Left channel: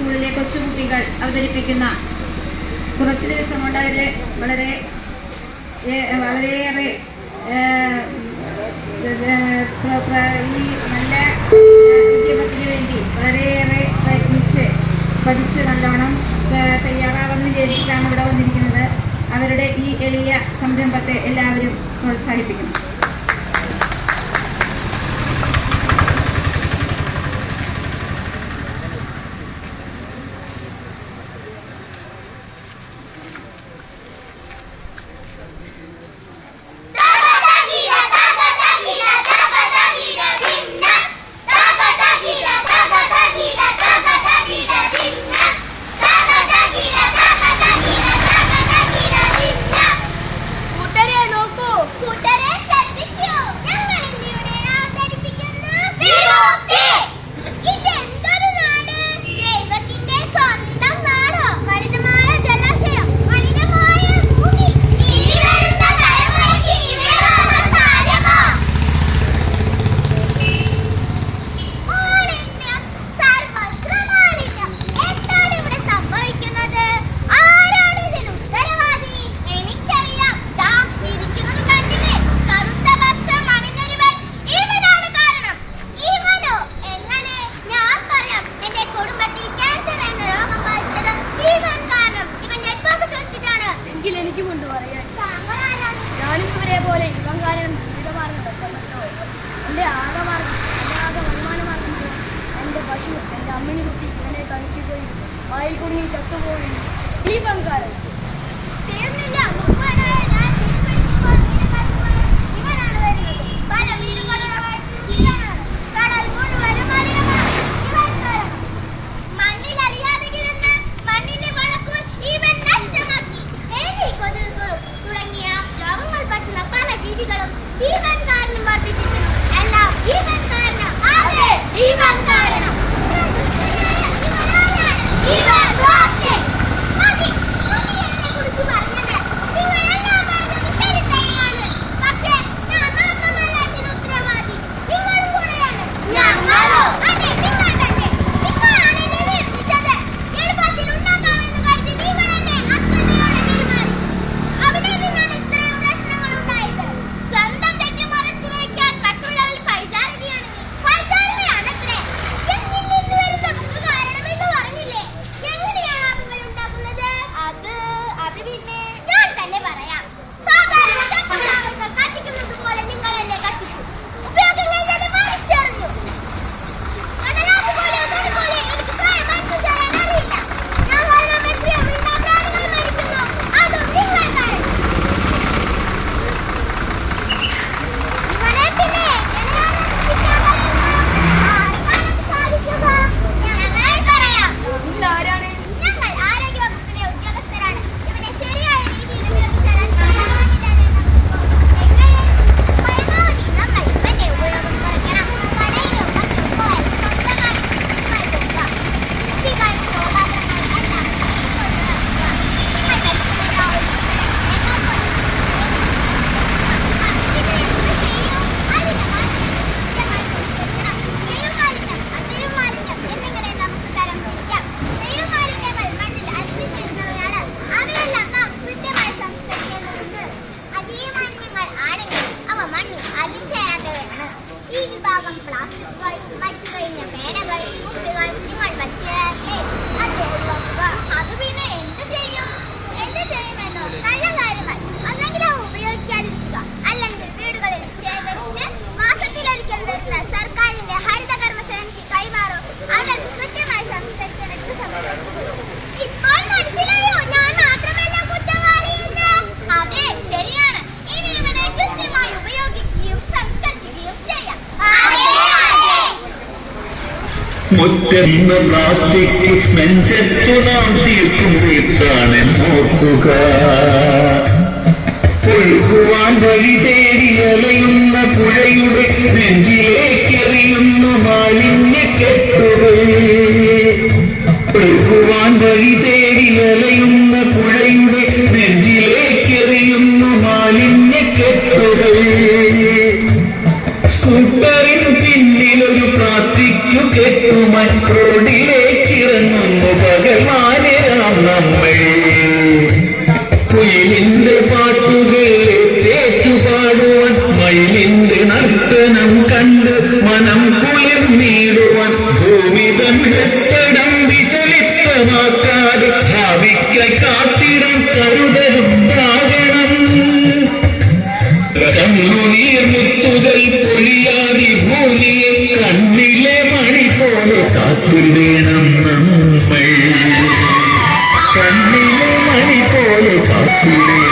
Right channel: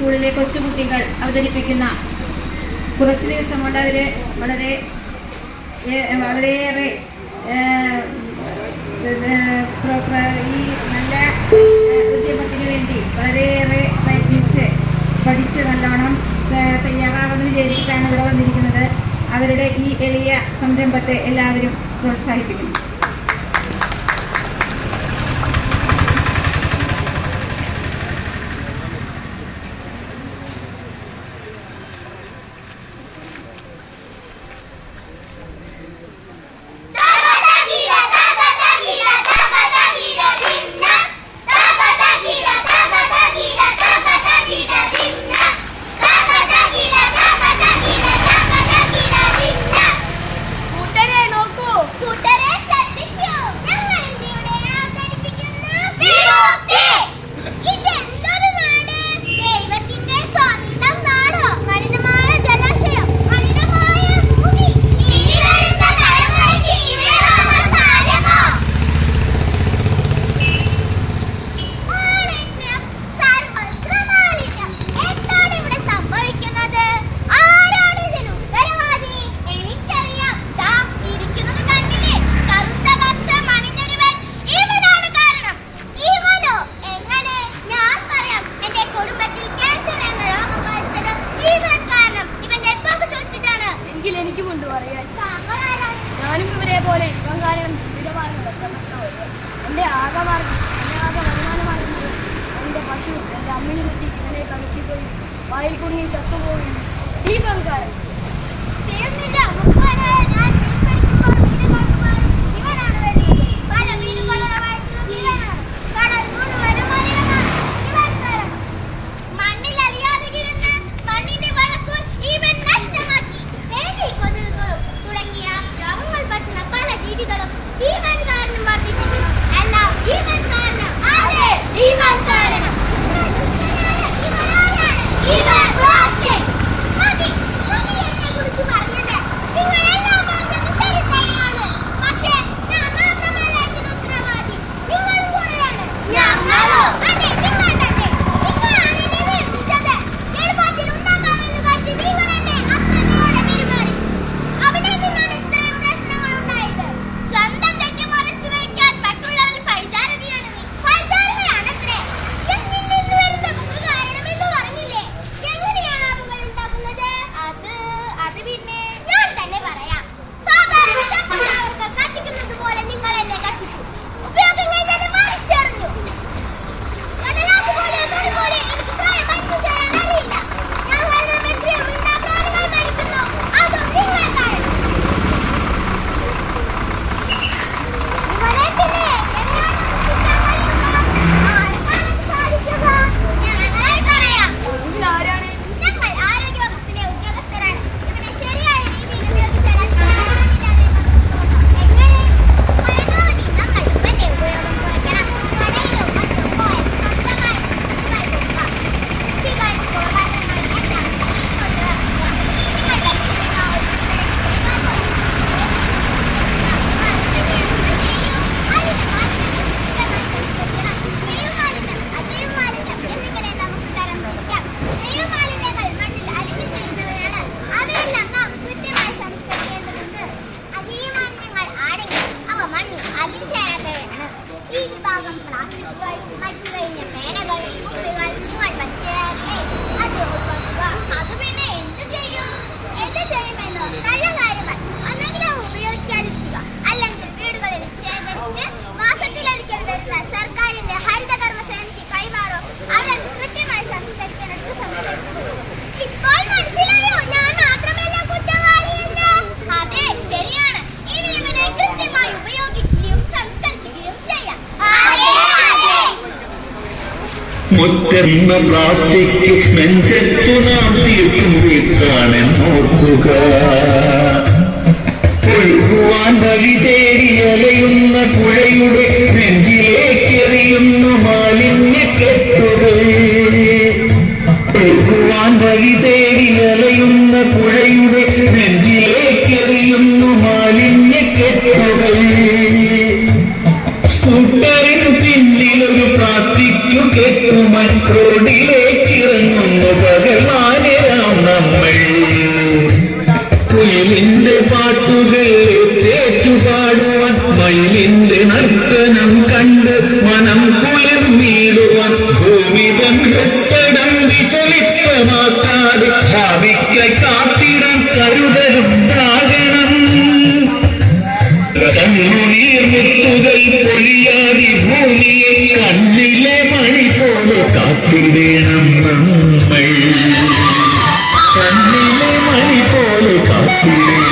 സ്കൂളിലെ കൊച്ചുകുട്ടികൾ അവതരിപ്പിക്കുന്ന കുറച്ച് ദിവസം കൊണ്ട് അവർ വളരെ വളരെയേറെ ഈ നല്ല ഉദ്യമത്തിന് വേണ്ടി വളരെയേറെ പ്രയത്നിച്ച് പഠിച്ച് നല്ലോണം തയ്യാറാവുമെന്ന് വിചാരിച്ചിട്ടാണ് ഇവിടെ വന്നിരിക്കുന്നത്. അവരുടെ ഈ എളിയ സംരംഭത്തെ എല്ലാവരും പ്രോത്സാഹിപ്പിക്കണം അതേപോലെ ഇവൻ കാരണം ജീവിതമാർഗം വെക്കപ്പെട്ടവരോ എന്റെ ആകമാർഗം എന്റെ ആകെ വരുമാനമാർഗമല്ല. എന്റെ പശു എന്റെ അമ്മിനി കുട്ടി ഇവനെ കഴിക്കുകയും വായിൽ കുടുങ്ങി ചത്തുപോവുകയും ഈ പങ്കാരൻ പ്ലാസ്റ്റിക്കുകൾ മഷി കഴിഞ്ഞ പേനകൾ കുപ്പികൾ നിങ്ങൾ വച്ചേരല്ലേ അത് ഒഴിവാക്കുക അത് പിന്നെ എന്ത് ചെയ്യും എന്ത് ചെയ്യുമെന്നോ നല്ല കാര്യമായി മുറ്റന്ന പ്ലാസ്റ്റിക് നെഞ്ചത്തു നാം തീർക്കും വീട്ടാണ് നോക്കുക ഒഴുകുവാൻ വഴി തേടി അലയുന്ന പുഴയുടെ നെഞ്ചി കാത്തിടേണം നമ്മൾ കണ്ണിലെ മണി പോലെ കാത്തിടേണം